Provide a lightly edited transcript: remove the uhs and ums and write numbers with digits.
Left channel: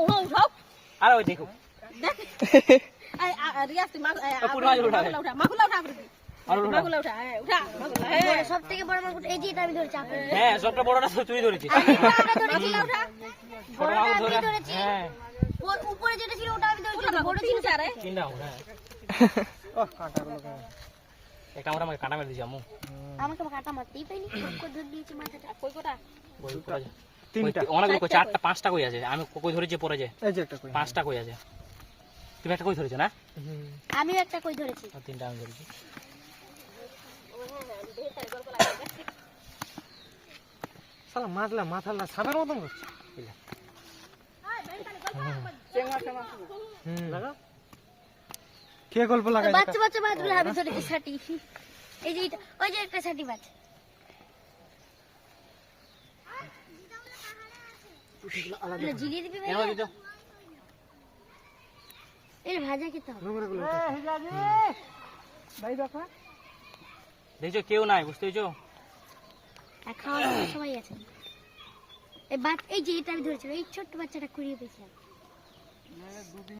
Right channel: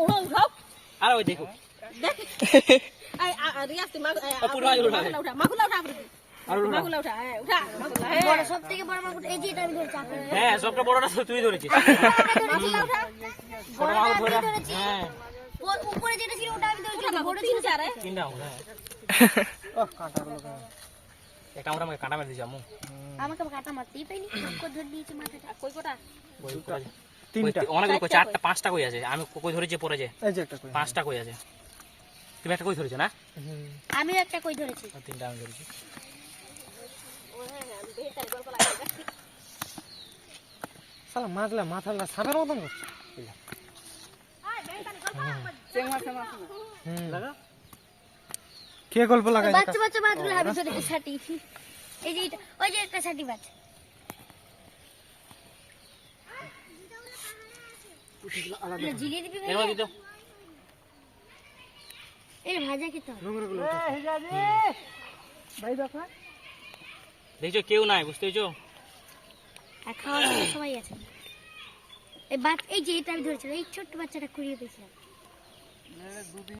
ওহো উঠাও আরে ওই দেখো দেখ আই রিয়াজ কি মাগুলা উঠা মাগুলা উঠা মাগুলা উঠা হ্যাঁ উঠা মাগুলা হ্যাঁ সবথেকে বড় মাগুর এই যে এটা আমি ধরেছি আপনি হ্যাঁ সবটা বড়টা তুই ধরেছিস মাগুলা উঠা বড়টা আমি ধরেছি হ্যাঁ উপরে যেটা ছিল ওটা আমি ধরেছি বড় তিন চারে তিনটা হ্যাঁ ওহ কাঁটাগুলো কেন এই কামড়া আমাকে কাঁটা মেরে দিছি আম্মু আমাকে কাটা মারতেই পাইনি কই ধরে দিয়েছি মাথাটা কই কোটা তিনটা অনেক কই চারটা পাঁচটা কই আছে আমি কই ধরেছি পরে যে এই যে একটা কই পাঁচটা কই আছে তুমি একটা কই ধরেছো না আমিও একটা কই ধরেছি তিনটা আমি ধরেছি শালা মাছলা মাথালা সাদার মতন করছে লাগা কে গল্প লাগাই বাচ্চা বাচ্চা মাছগুলো আমি ধরেছি ছাটি এই যে এটা ওই যে একটা ছাটি মাছ এটা জিলিয়ে দিবি এর মধ্যে দাও এই ভাজা খেতে হবে নোংরাগুলো ভাই দেখো দেখছো কেউ নাই বুঝতে পেরেছো আর খাওয়ার জন্য সবাই আছে এই যে এটা আমি ধরেছিলাম এই ছোট্ট বাচ্চাটা কুড়িয়ে পেয়েছিলাম